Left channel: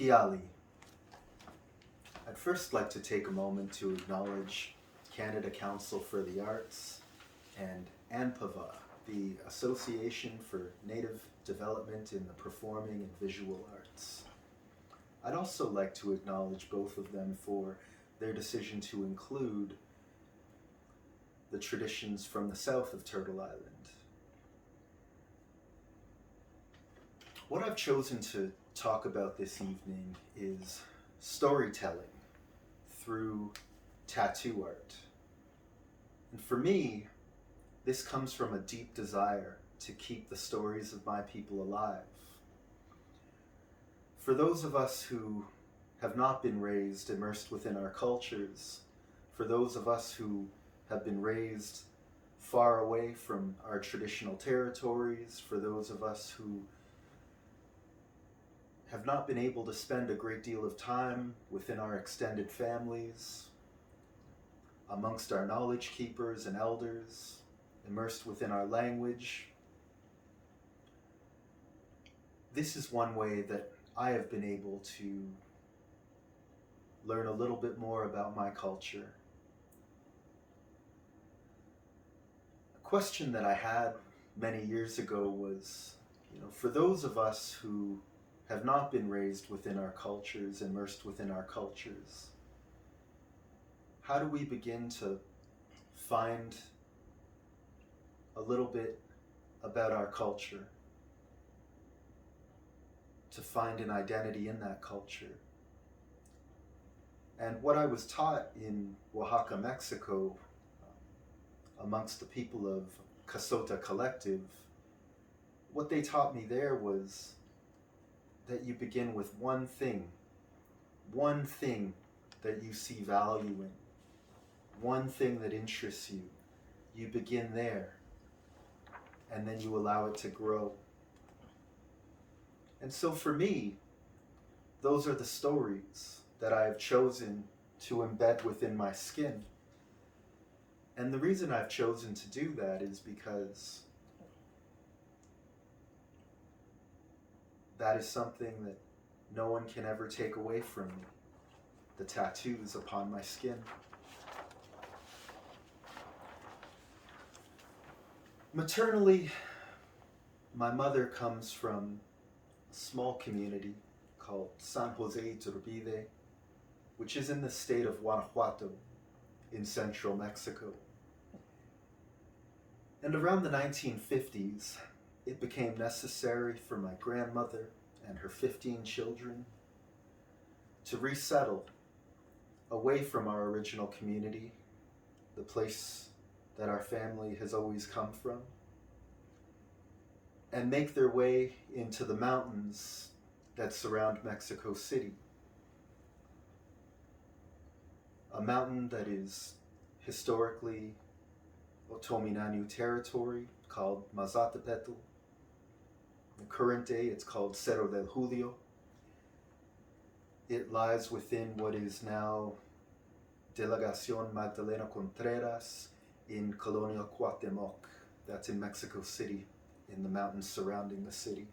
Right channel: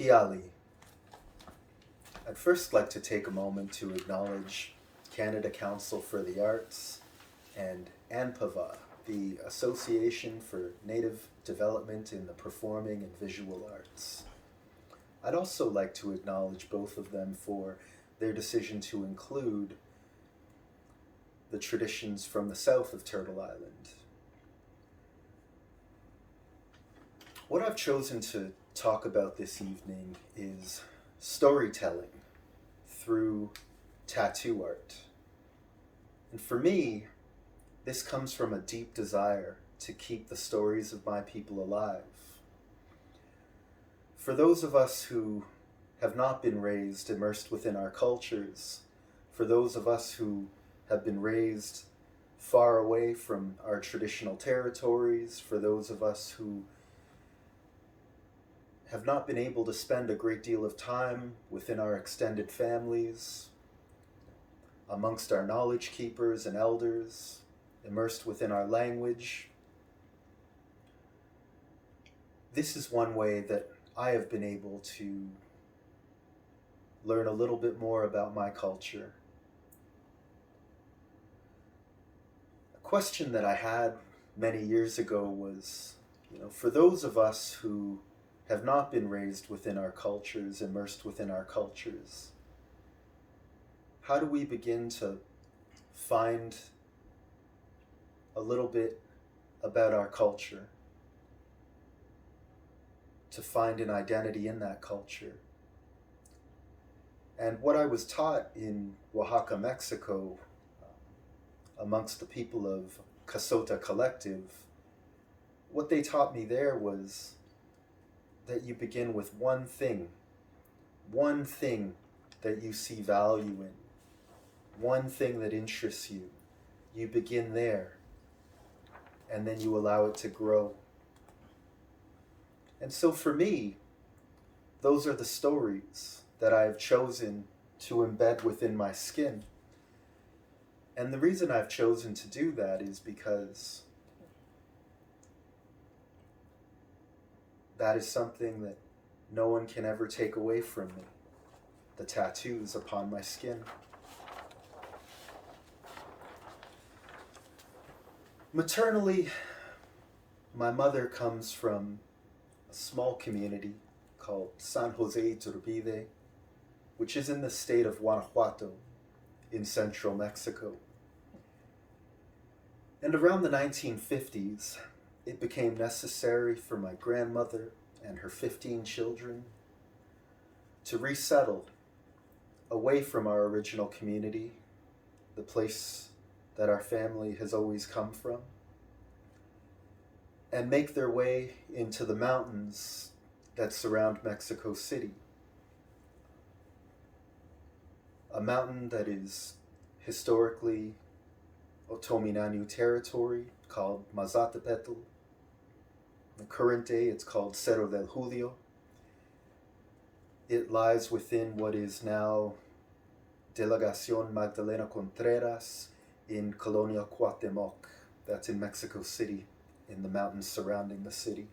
Piali. I'd first like to take a moment to acknowledge Canada Council for the Arts and ANDPVA, the Association for Native Development in the Performing and Visual Arts. I'd also like to acknowledge both of them for their decision to include the traditions from the south of Turtle Island. What I've chosen to talk about this evening is storytelling through tattoo art. And for me, this comes from a deep desire to keep the stories of my people alive. For those of us who have not been raised immersed within our cultures, for those of us who have been raised far away from our traditional territories, for those of us who have not been able to spend a great deal of time within our extended families, amongst our knowledge keepers and elders, immersed within our language. This is one way that I have been able to learn a little bit more about my culture. A question that I had many years ago was, for those of us who have not been raised within our cultures, immersed within our cultures, how do we begin to find a little bit about our culture, to find an identity in that culture? And what I was taught in Oaxaca, Mexico, amongst the people of Casota Collective, what they taught me there was that you begin with one thing that you see value in, one thing that interests you. You begin there, and then you allow it to grow. And so for me, those are the stories that I have chosen to embed within my skin. And the reason I've chosen to do that is because that is something that no one can ever take away from me, the tattoos upon my skin. Maternally, my mother comes from a small community called San Jose Iturbide, which is in the state of Guanajuato in central Mexico. And around the 1950s, it became necessary for my grandmother and her 15 children to resettle away from our original community, the place that our family has always come from, and make their way into the mountains that surround Mexico City. A mountain that is historically Otominanu territory called Mazatepetl. In the current day, it's called Cerro del Julio. It lies within what is now Delegación Magdalena Contreras in Colonia Cuauhtemoc. That's in Mexico City, in the mountains surrounding the city.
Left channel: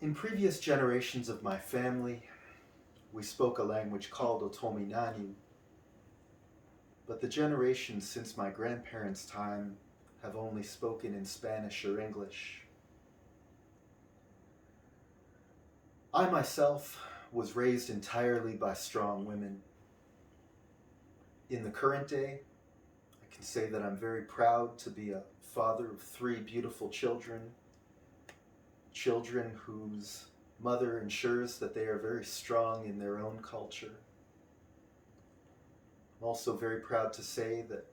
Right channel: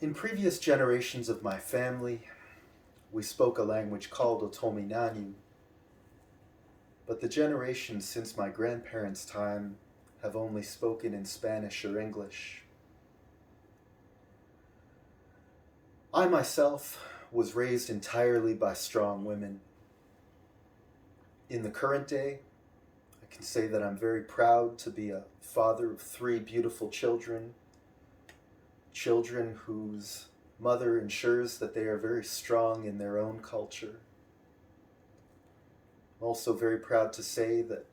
In previous generations of my family, we spoke a language called Otominanu, but the generations since my grandparents' time have only spoken in Spanish or English. I myself was raised entirely by strong women. In the current day, I can say that I'm very proud to be a father of 3 beautiful children, children whose mother ensures that they are very strong in their own culture. I'm also very proud to say that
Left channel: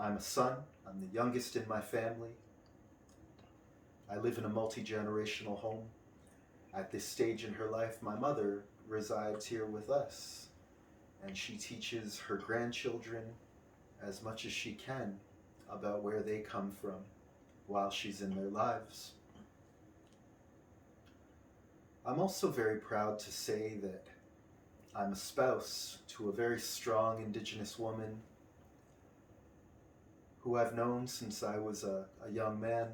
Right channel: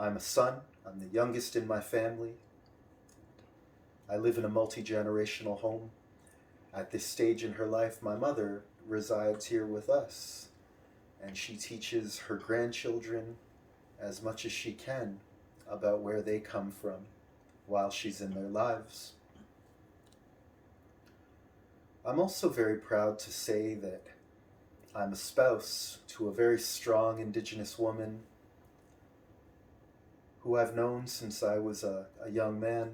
I'm a son. I'm the youngest in my family. I live in a multi-generational home. At this stage in her life, my mother resides here with us, and she teaches her grandchildren as much as she can about where they come from while she's in their lives. I'm also very proud to say that I'm a spouse to a very strong Indigenous woman who I've known since I was a young man.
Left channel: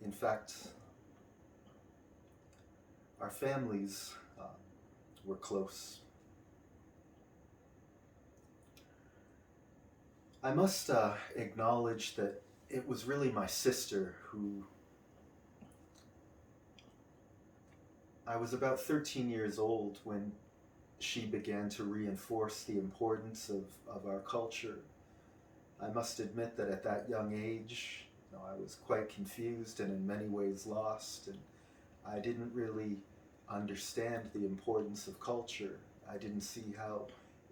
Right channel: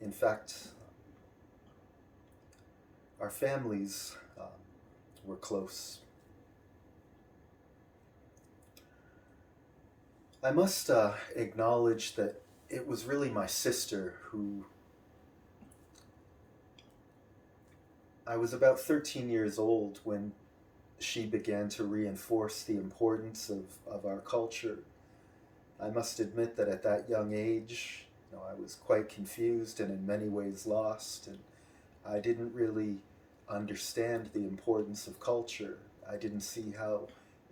In fact, our families were close. I must acknowledge that it was really my sister who, I was about 13 years old when she began to reinforce the importance of our culture. I must admit that at that young age, I was quite confused and in many ways lost, and I didn't really understand the importance of culture. I didn't see how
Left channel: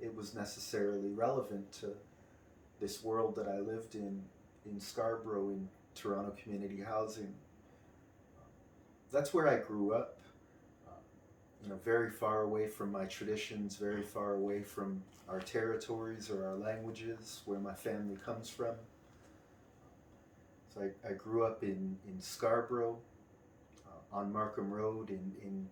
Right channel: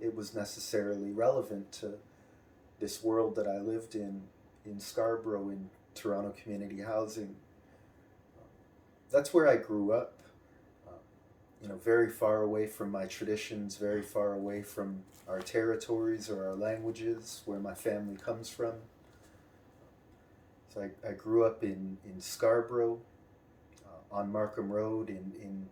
it was necessarily relevant to this world that I lived in Scarborough, in Toronto community housing. That's where I grew up, very far away from my traditions, very far away from our territories or our languages, where my family comes from. So I grew up in Scarborough, on Markham Road, in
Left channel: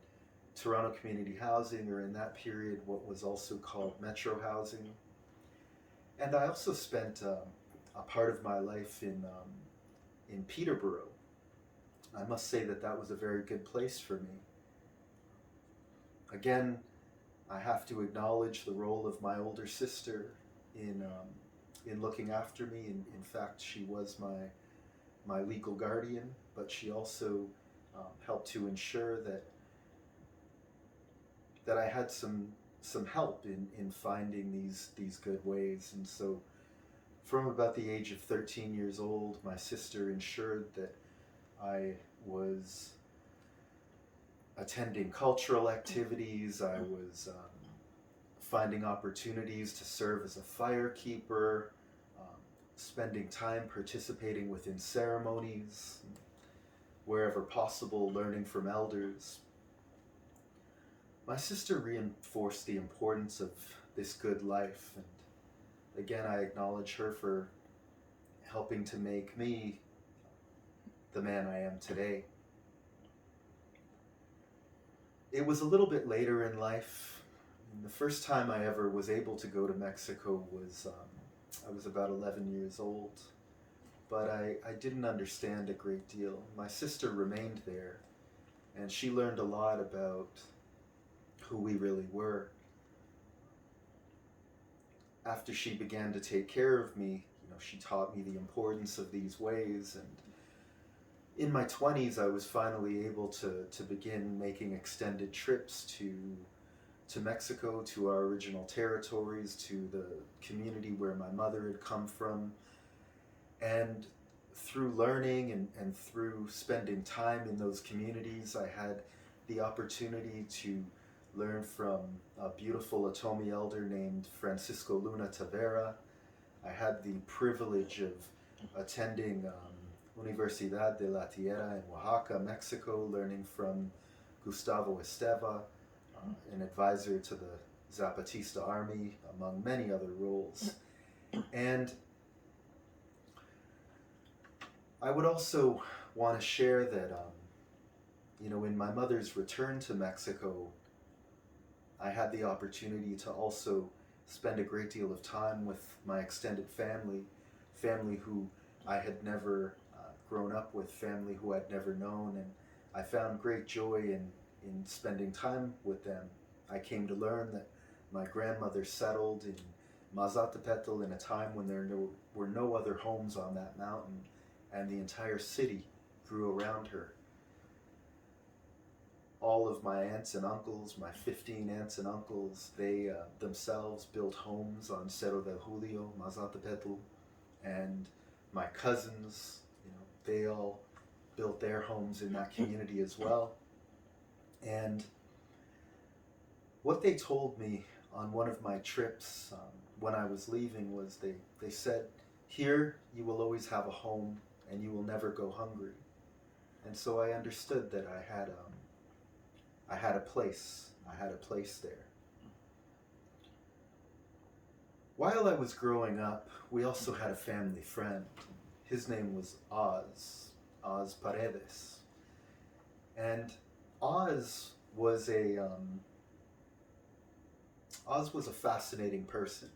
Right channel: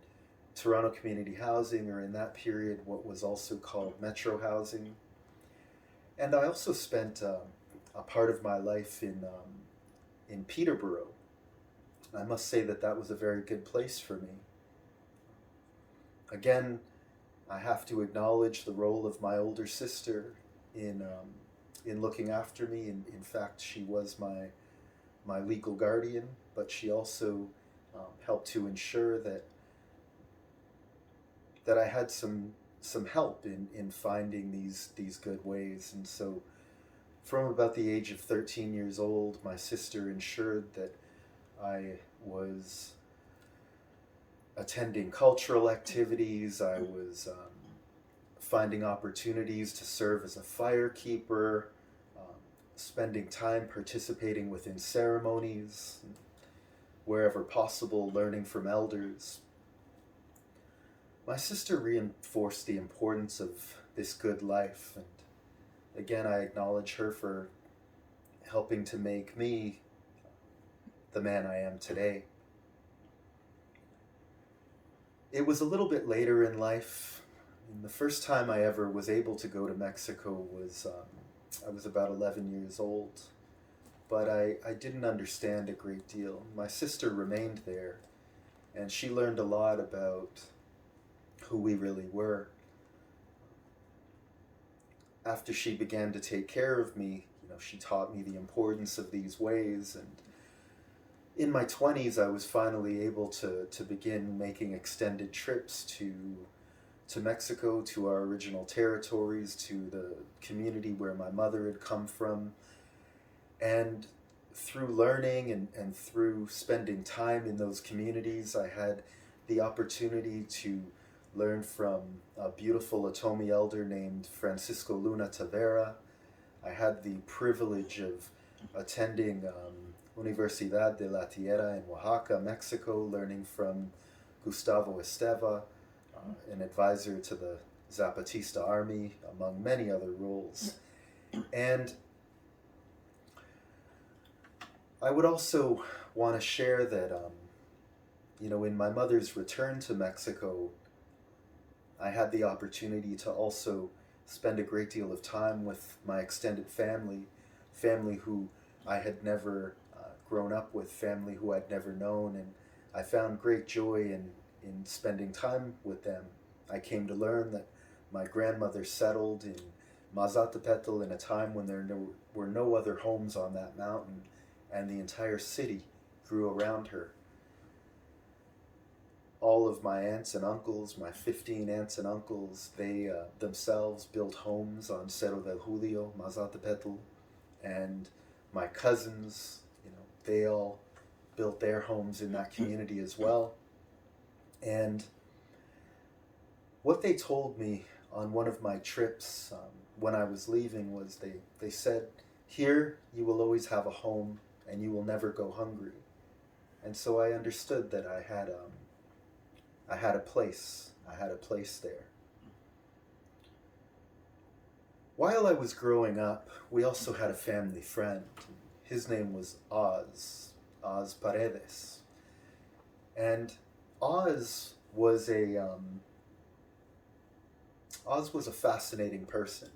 Toronto community housing, or in that period what was also called Metro housing. And I also spent a part of my life in Peterborough. I must say that that was a very good place for me. Again, I have to acknowledge the role of my older sister in looking after me. In fact, she was my legal guardian, but she also helped to ensure that I had some help in finding these good ways. And so from about the age of 13 years old, my sister ensured that I was attending cultural activities. I was finding opportunities to serve as a firekeeper, spending time participating within ceremonies, wherever possible, learning from elders. My sister reinforced the importance of this good life, and again, I acknowledge her for helping to make me the man I am today. It was a little bit later in life. The first time I ever was able to go to Mexico was, I was about 11 years old, but I didn't understand a great deal. My sister remained there, and she learned a lot about who we really were. After she began to take care of me, she taught me the importance of these ways, and in my 20s, I was finally able to begin making extended trips to Mexico, to our original territories, to the community where my mother had come from. And through learning and through spending time in those communities, I had the opportunity to learn from a beautiful Atomi elder named Francisco Luna Tavera. I had the privilege of attending Universidad de la Tierra in Oaxaca, Mexico, learning from Gustavo Esteva, an advisor to the Zapatista army, among many other roles. And I would also want to share that, in my mother's return to Mexico, I had the opportunity to also spend a great deal of time with my extended family who I had never grown up with, family who I'd never known, and I found great joy in spending time with them. I came to learn that my grandmother settled in Mazatepetl in a time when there were no other homes on that mountain, and the entire city grew around her. All of my aunts and uncles, my 15 aunts and uncles, they themselves built homes on Cerro del Julio, Mazatepetl, and my cousins, they all built their homes in that community as well. And what they told me on one of my trips when I was leaving was they said, "Here you will always have a home and you will never go hungry." And so I understood that I had a place. I had a place there. While I was growing up, we also had a family friend. His name was Oz Paredes. And Oz was a fascinating person.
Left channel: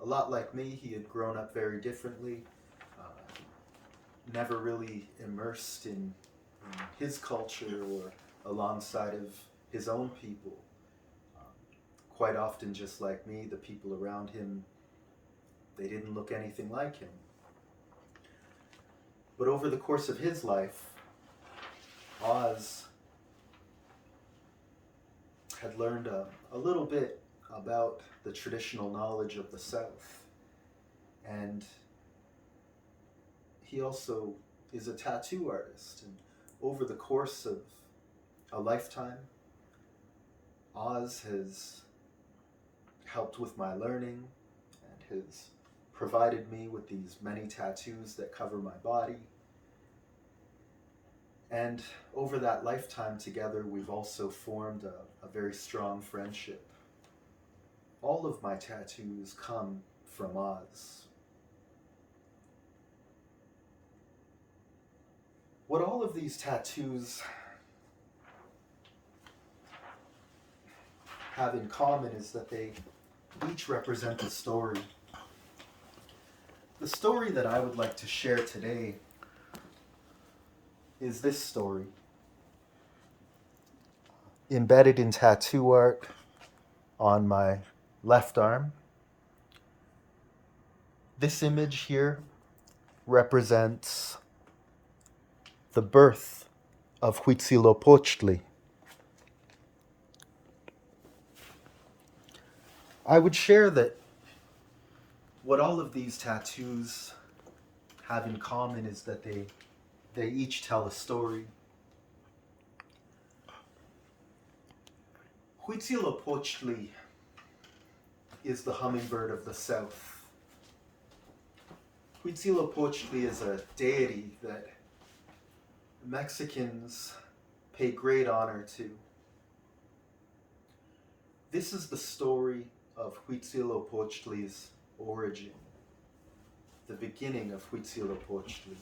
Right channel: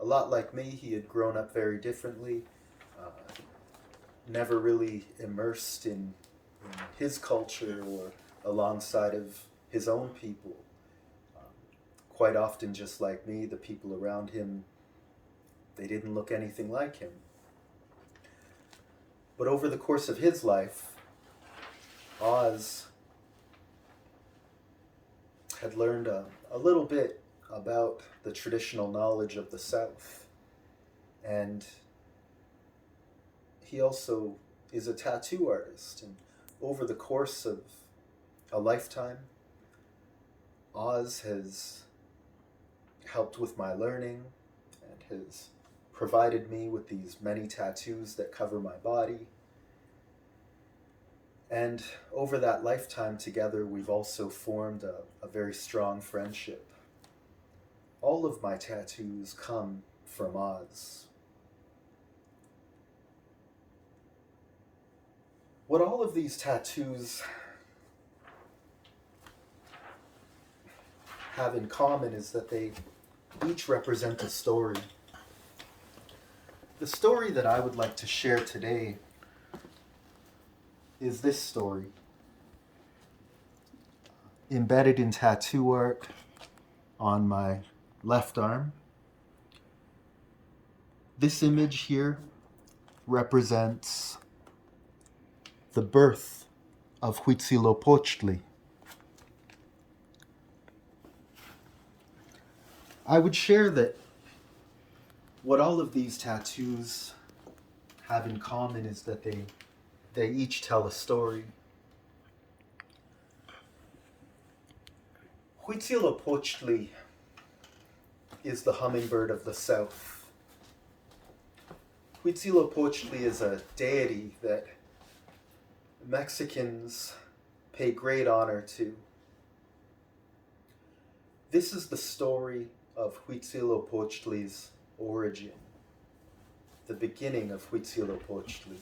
A lot like me, he had grown up very differently. never really immersed in his culture or alongside of his own people. Quite often, just like me, the people around him, they didn't look anything like him. But over the course of his life, Oz had learned a little bit about the traditional knowledge of the South. And he also is a tattoo artist. And over the course of a lifetime, Oz has helped with my learning and has provided me with these many tattoos that cover my body. And over that lifetime together, we've also formed a very strong friendship. All of my tattoos come from Oz. What all of these tattoos have in common is that they each represent a story. The story that I would like to share today is this story. Embedded in tattoo art on my left arm. This image here represents the birth of Huitzilopochtli. I would share that what all of these tattoos have in common is that they each tell a story. Huitzilopochtli is the hummingbird of the South. Huitzilopochtli is a deity that Mexicans pay great honor to. This is the story of Huitzilopochtli's origin, the beginning of Huitzilopochtli.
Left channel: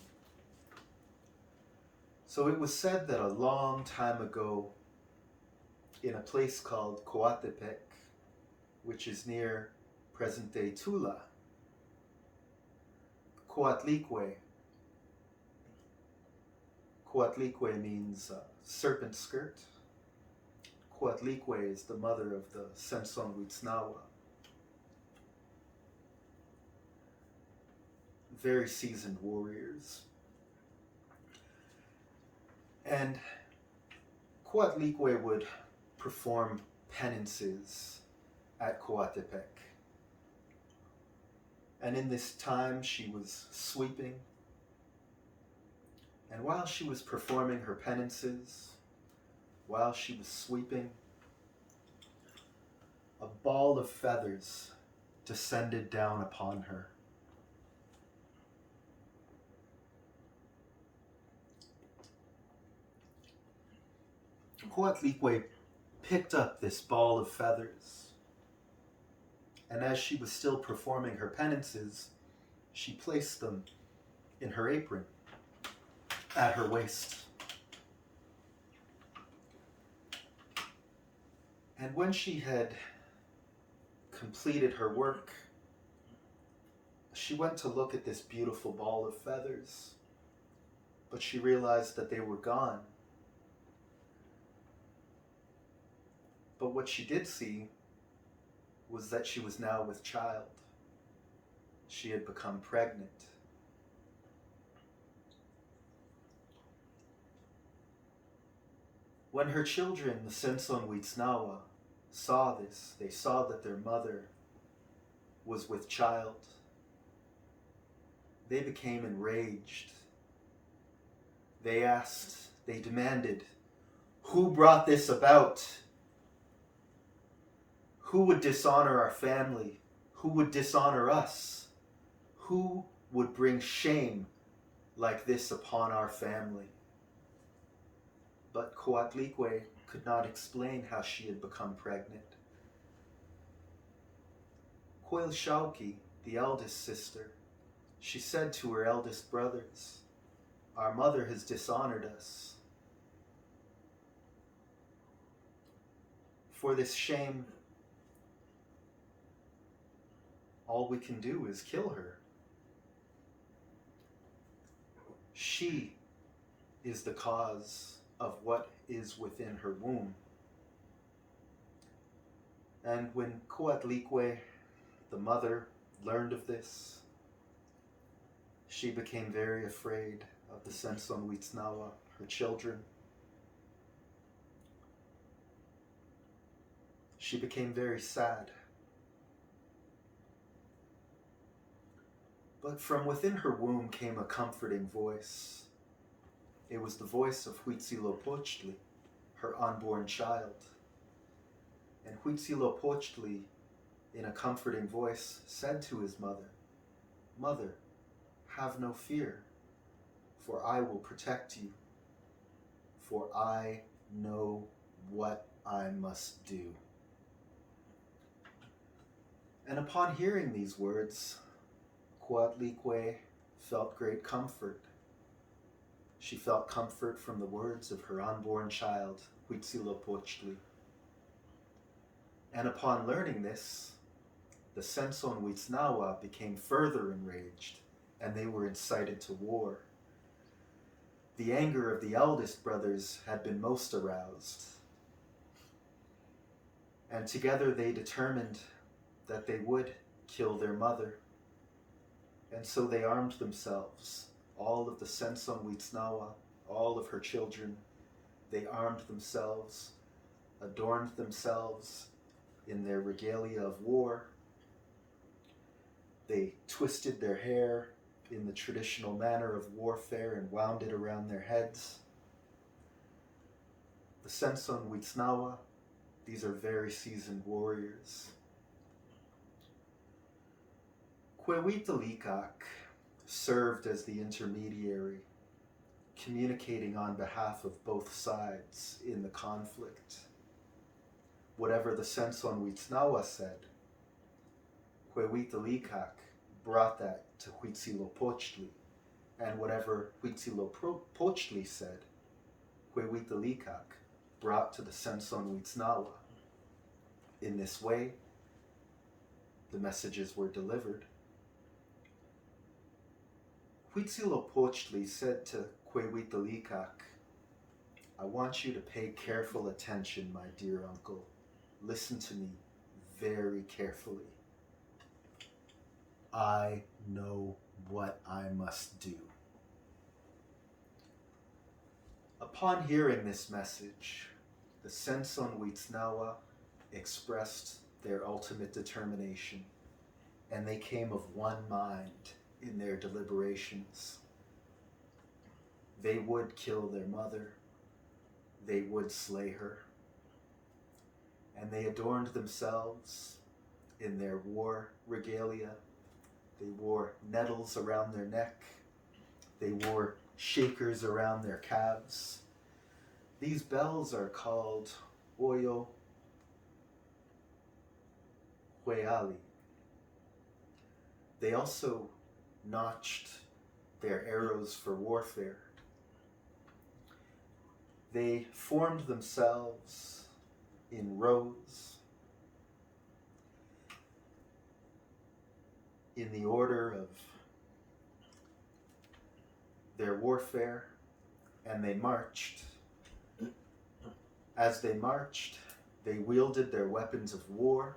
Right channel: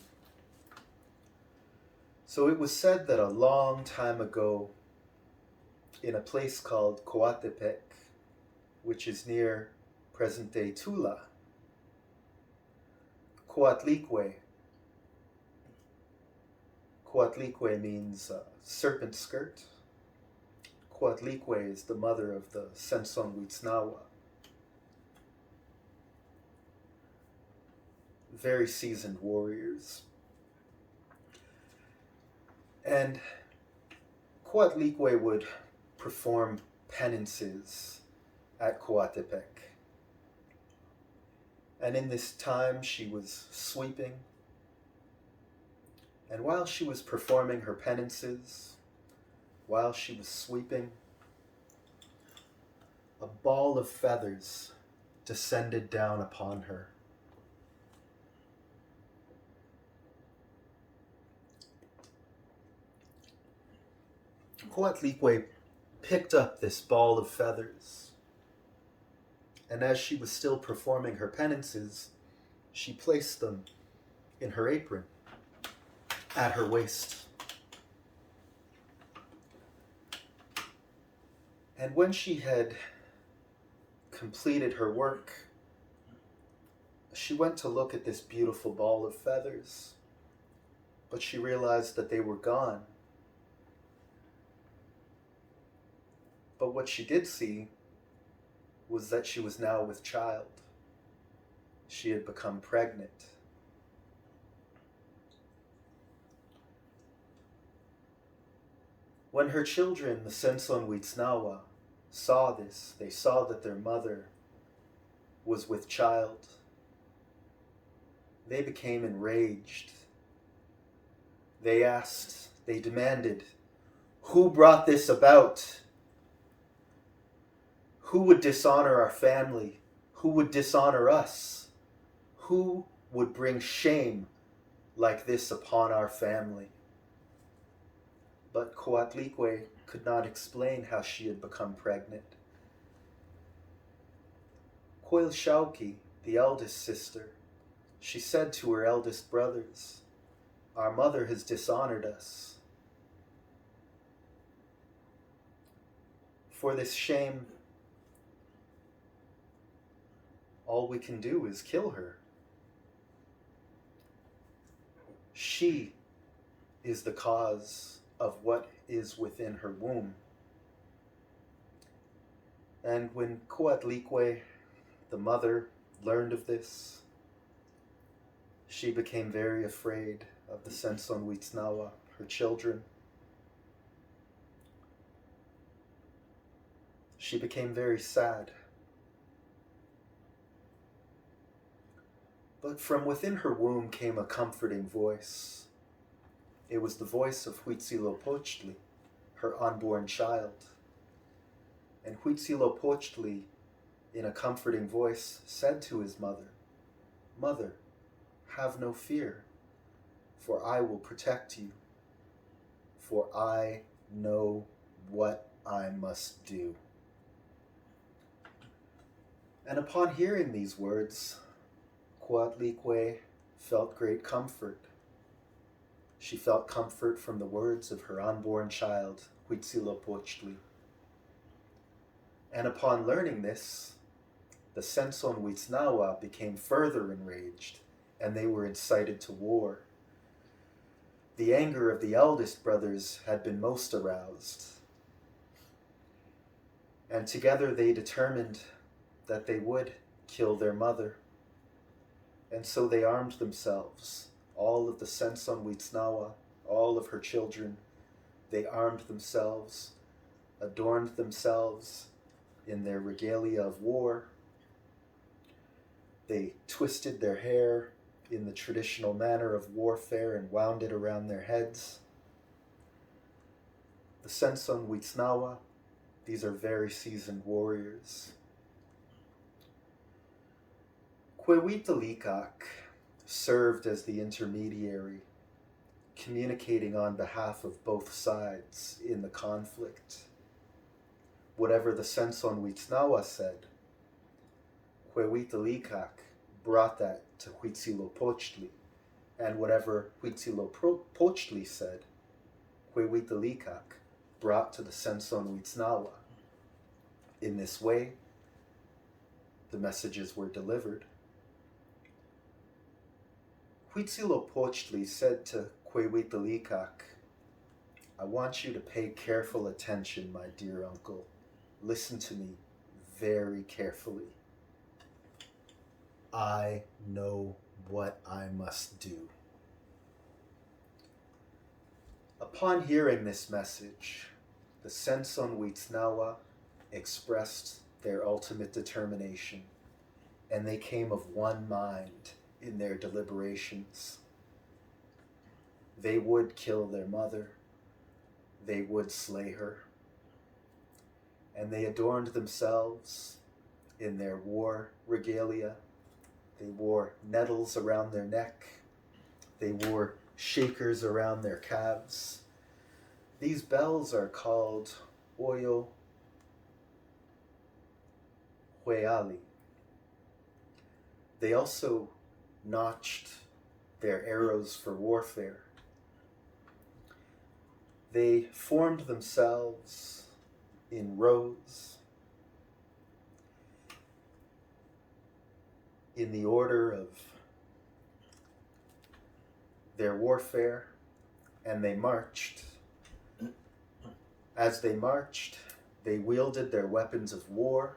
So it was said that a long time ago, in a place called Coatepec, which is near present-day Tula, Coatlicue means serpent skirt. Coatlicue is the mother of the Sensonhuitznawa. Very seasoned warriors. And Coatlicue would perform penances at Coatepec. And in this time, she was sweeping. And while she was performing her penances, while she was sweeping, a ball of feathers descended down upon her. Coatlicue picked up this ball of feathers, and as she was still performing her penances, she placed them in her apron at her waist. And when she had completed her work, she went to look at this beautiful ball of feathers, but she realized that they were gone. But what she did see was that she was now with child. She had become pregnant. When her children, the Sensonhuitznawa, saw this, they saw that their mother was with child. They became enraged. They asked, they demanded, who brought this about? Who would dishonor our family? Who would dishonor us? Who would bring shame like this upon our family? But Coatlicue could not explain how she had become pregnant. Coilshauki, the eldest sister, she said to her eldest brothers, our mother has dishonored us. For this shame, all we can do is kill her. She is the cause of what is within her womb. And when Coatlicue, the mother, learned of this, she became very afraid of the Sensonhuitznawa, her children. She became very sad. But from within her womb came a comforting voice. It was the voice of Huitzilopochtli, her unborn child. And Huitzilopochtli, in a comforting voice, said to his mother, "Mother, have no fear, for I will protect you, for I know what I must do." And upon hearing these words, Coatlicue felt great comfort. She felt comfort from the words of her unborn child, Huitzilopochtli. And upon learning this, the Sensonhuitznawa became further enraged, and they were incited to war. The anger of the eldest brothers had been most aroused, and together they determined that they would kill their mother. And so they armed themselves, all of the Sensonhuitznawa, all of her children. They armed themselves, adorned themselves in their regalia of war. They twisted their hair in the traditional manner of warfare and wound it around their heads. The Sensonhuitznawa, these are very seasoned warriors. Huehuetelicue served as the intermediary, communicating on behalf of both sides in the conflict. Whatever the Sensonhuitznawa said, Huehuetelicue brought that to Huitzilopochtli, and whatever Huitzilopochtli said, Huehuetelicue brought to the Sensonhuitznawa. In this way, the messages were delivered. Huitzilopochtli said to Huehuetelicue, "I want you to pay careful attention, my dear uncle. Listen to me very carefully. I know what I must do." Upon hearing this message, the Sensonhuitznawa expressed their ultimate determination, and they came of one mind in their deliberations. They would kill their mother. They would slay her. And they adorned themselves in their war regalia. They wore nettles around their neck. They wore shakers around their calves. These bells are called Oyo Hueali. They also notched their arrows for warfare. They formed themselves in rows in the order of their warfare, and they marched. As they marched, they wielded their weapons of war,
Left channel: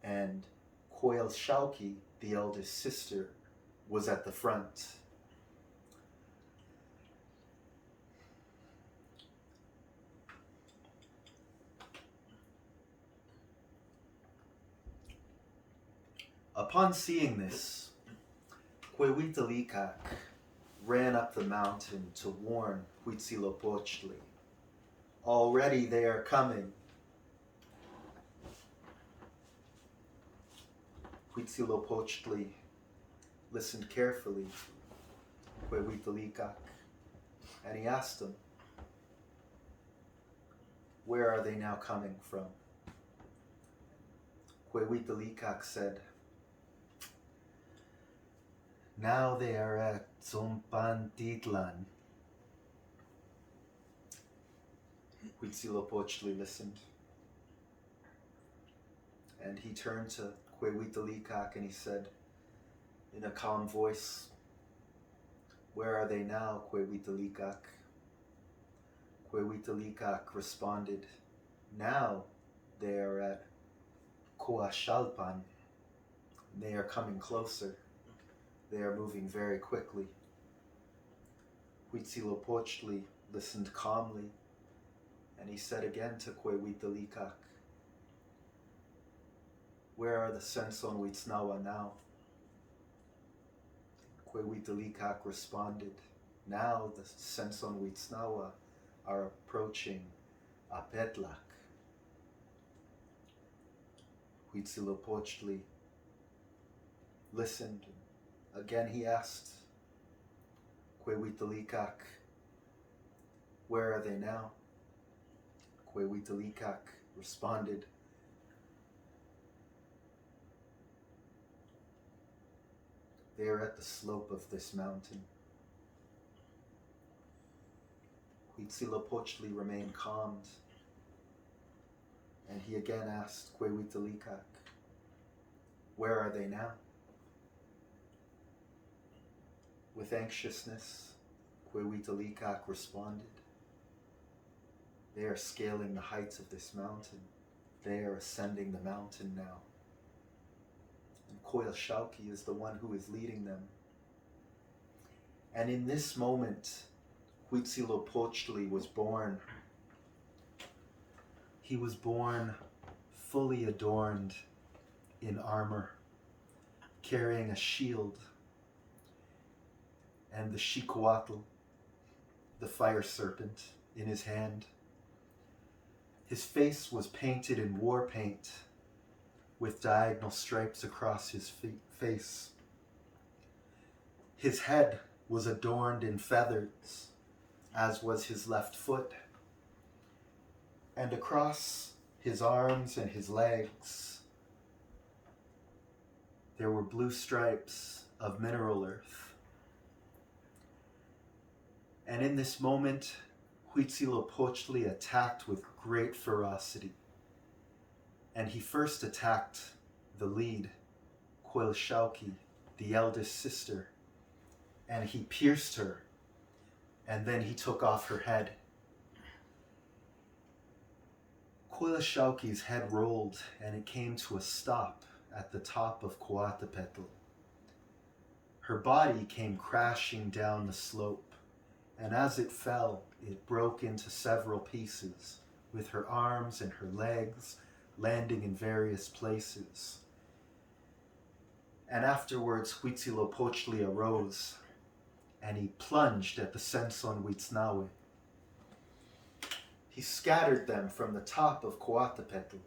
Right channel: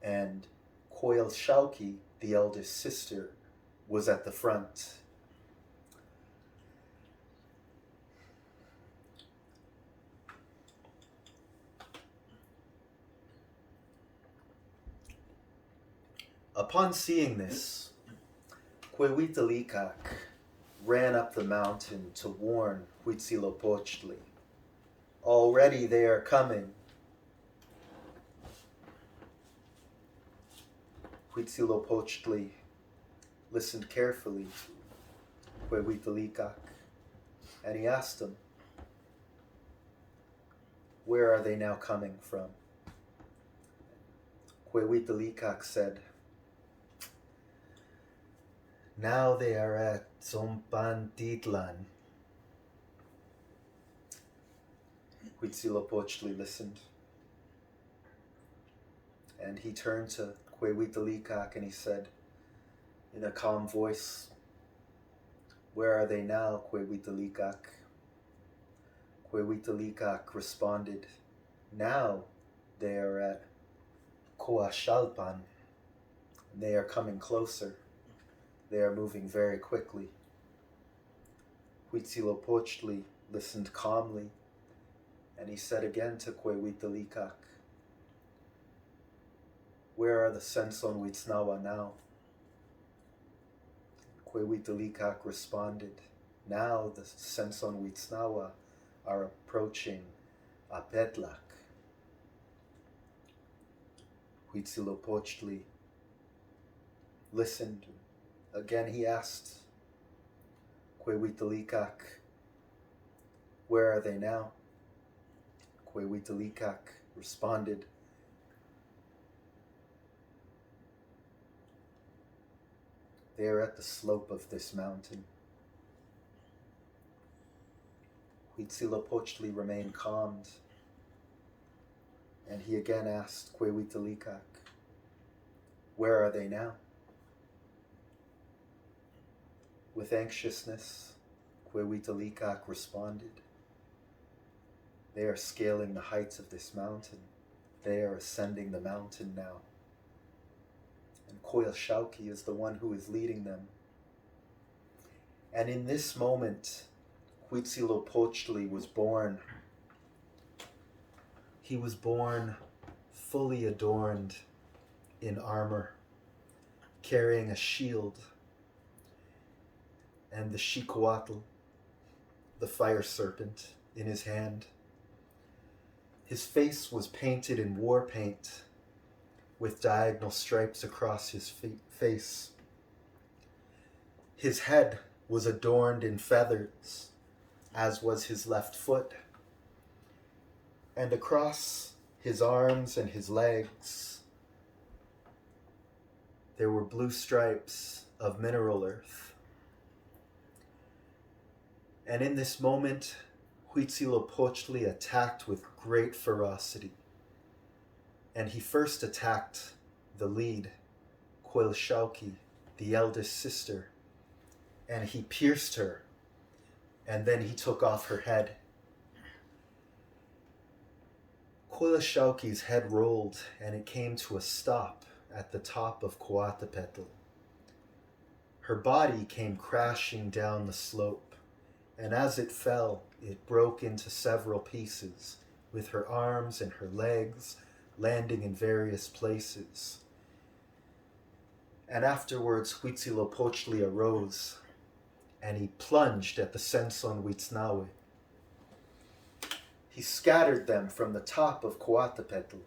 and Coilshauki, the eldest sister, was at the front. Upon seeing this, Huehuetelicue ran up the mountain to warn Huitzilopochtli. "Already they are coming." Huitzilopochtli listened carefully to Huehuetelicue, and he asked him, "Where are they now coming from?" Huehuetelicue said, "Now they are at Zompantitlan." Huitzilopochtli listened, and he turned to Huehuetelicue and he said in a calm voice, Where are they now, Quehuitlicac? Quehuitlicac responded, now they are at Coachalpan. They are coming closer. They are moving very quickly. Huitzilopochtli listened calmly, and he said again to Quehuitlicac, where are the Sensonhuitznawa now? Quehuitlicac responded, now the Sensonhuitznawa are approaching Apetlac. Huitzilopochtli listened. Again he asked Quehuitlicac, where are they now? Quehuitlicac responded, they are at the slope of this mountain. Huitzilopochtli remained calmed, and he again asked Quehuitlicac, where are they now? With anxiousness, Quehuitlicac responded, they are scaling the heights of this mountain. They are ascending the mountain now. And Coilshauki is the one who is leading them. And in this moment, Huitzilopochtli was born. He was born fully adorned in armor, carrying a shield and the Xicoatl, the fire serpent, in his hand. His face was painted in war paint with diagonal stripes across his face. His head was adorned in feathers, as was his left foot, and across his arms and his legs there were blue stripes of mineral earth. And in this moment, Huitzilopochtli attacked with great ferocity. And he first attacked the lead, Coilshauki, the eldest sister, and he pierced her, and then he took off her head. Coilshauki's head rolled, and it came to a stop at the top of Coatepetl. Her body came crashing down the slope, and as it fell, it broke into several pieces, with her arms and her legs landing in various places. And afterwards, Huitzilopochtli arose, and he plunged at the Sensonhuitznawe. He scattered them from the top of Coatepetl.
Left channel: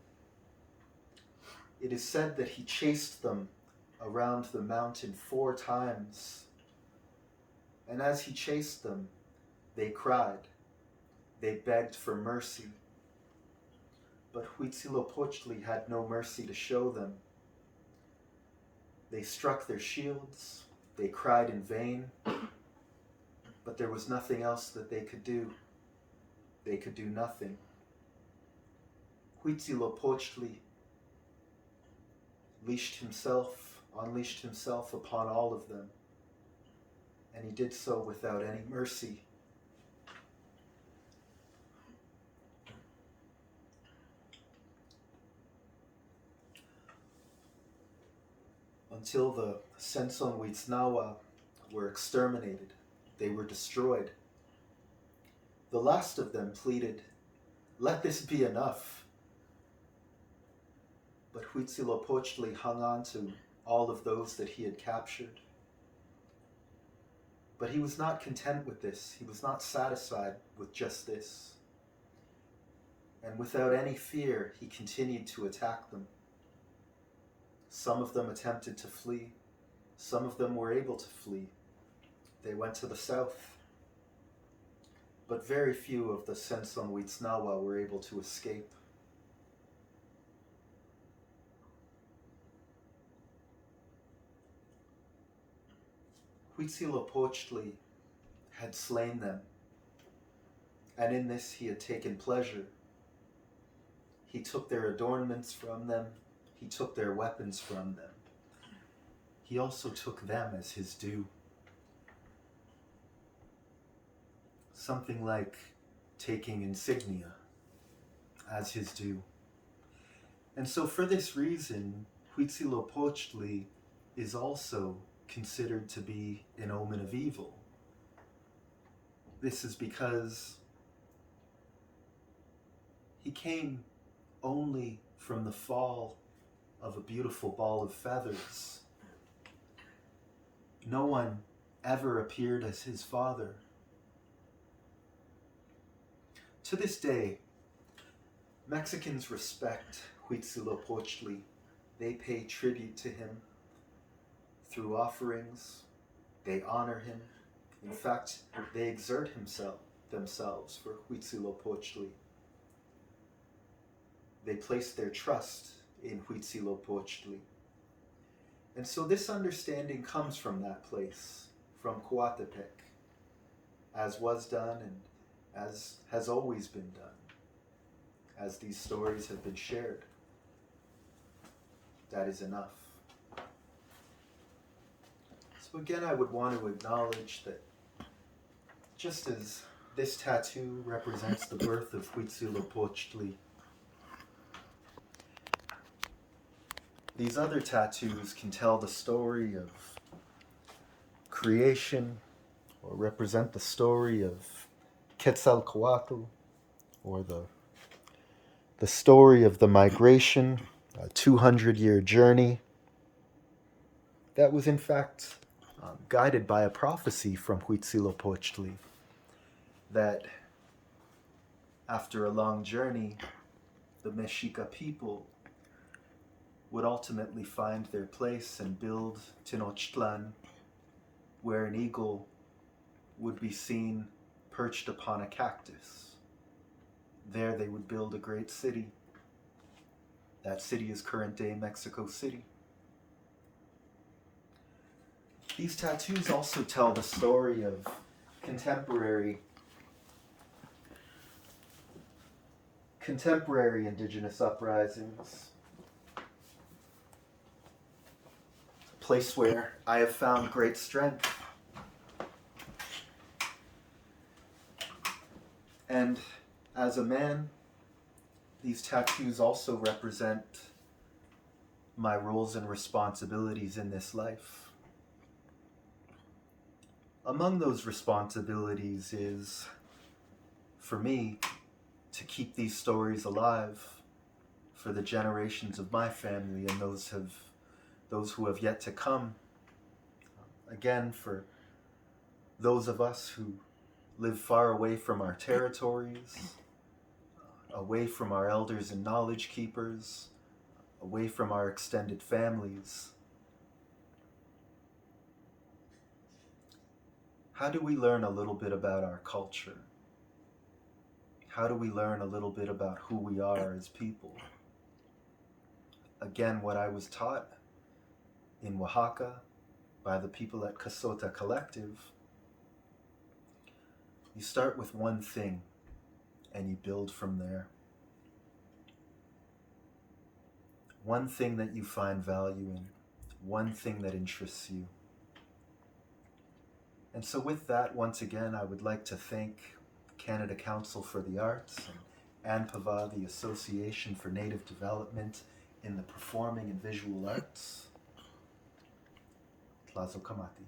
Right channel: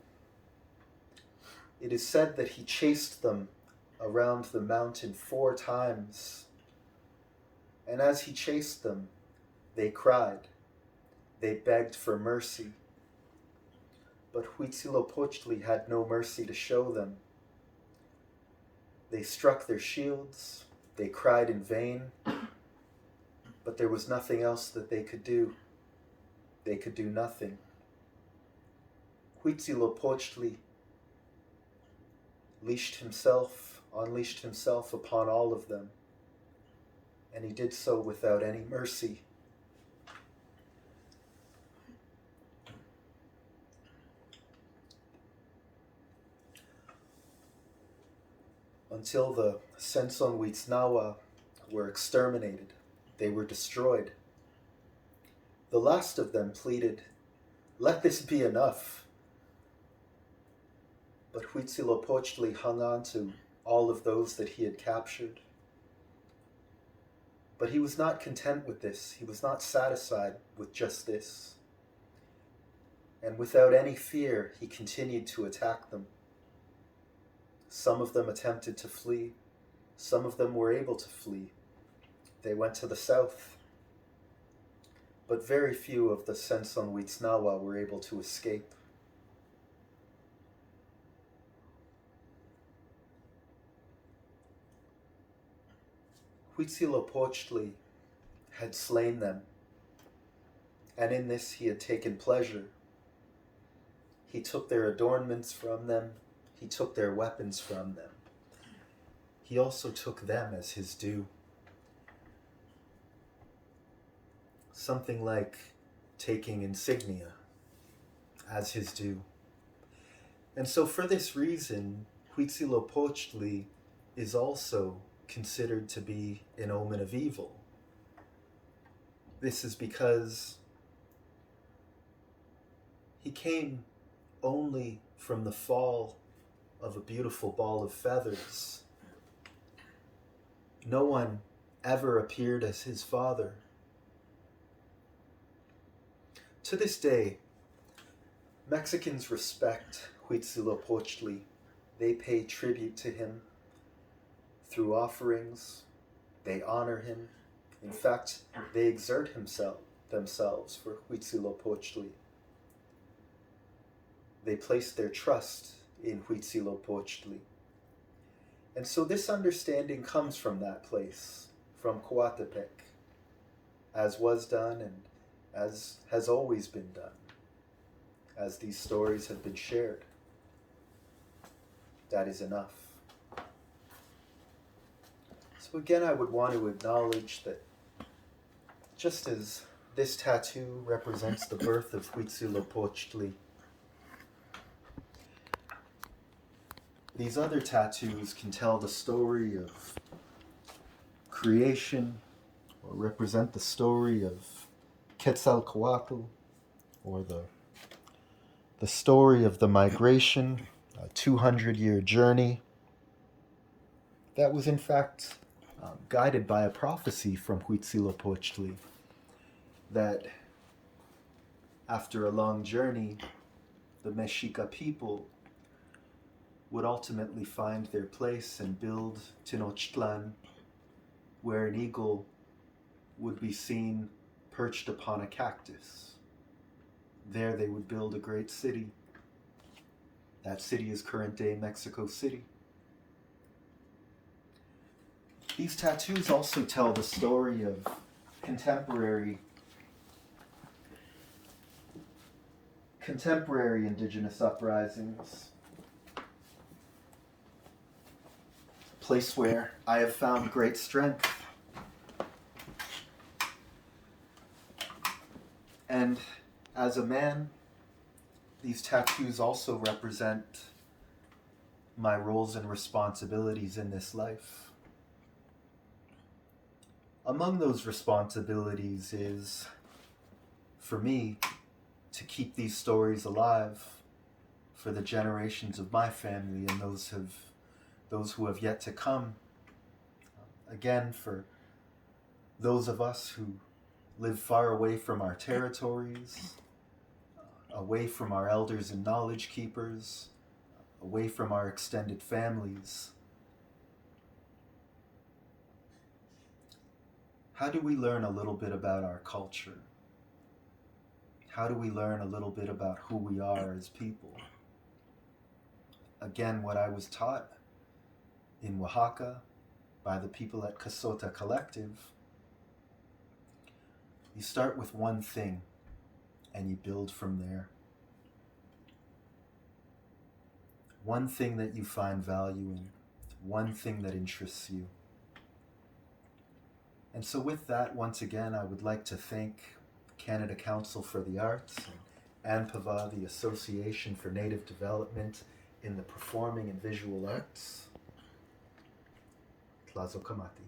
It is said that he chased them around the mountain 4 times. And as he chased them, they cried. They begged for mercy. But Huitzilopochtli had no mercy to show them. They struck their shields. They cried in vain. But there was nothing else that they could do. They could do nothing. Huitzilopochtli unleashed himself upon all of them, and he did so without any mercy. Until the Sensonhuitznawa were exterminated, they were destroyed. The last of them pleaded, "Let this be enough." But Huitzilopochtli hung on to all of those that he had captured. But he was not content with this. He was not satisfied with just this. And without any fear, he continued to attack them. Some of them attempted to flee. Some of them were able to flee. They went to the south. But very few of the Sensonhuitznawa were able to escape. Huitzilopochtli had slain them, and in this he had taken pleasure. He took their adornments from them. He took their weapons from them. He also took them as his due. something like taking insignia as his due. And so for this reason, Huitzilopochtli is also considered to be an omen of evil. This is because he came only from the fall of a beautiful ball of feathers. No one ever appeared as his father. To this day, Mexicans respect Huitzilopochtli. They pay tribute to him through offerings. They honor him. In fact, they exert themselves for Huitzilopochtli. They place their trust in Huitzilopochtli. And so this understanding comes from that place, from Coatepec, as was done and as has always been done, as these stories have been shared. That is enough. So again, I would want to acknowledge that just as this tattoo represents the birth of Huitzilopochtli, these other tattoos can tell the story of creation or represent the story of Quetzalcoatl, or the story of the migration, a 200-year journey that was in fact guided by a prophecy from Huitzilopochtli, that after a long journey, the Mexica people would ultimately find their place and build Tenochtitlan, where an eagle would be seen perched upon a cactus. There they would build a great city. That city is current-day Mexico City. These tattoos also tell the story of contemporary indigenous uprisings. A place where I have found great strength. And as a man, these tattoos also represent my roles and responsibilities in this life. Among those responsibilities is, for me, to keep these stories alive for the generations of my family and those who have yet to come. Again, for those of us who live far away from our territories, away from our elders and knowledge keepers, away from our extended families. How do we learn a little bit about our culture? How do we learn a little bit about who we are as people? Again, what I was taught in Oaxaca by the people at Casota Collective, you start with one thing and you build from there. One thing that you find value in, one thing that interests you. And so with that, once again, I would like to thank Canada Council for the Arts and ANDPVA, the Association for Native Development in the Performing and Visual Arts. Tlazo Kamati.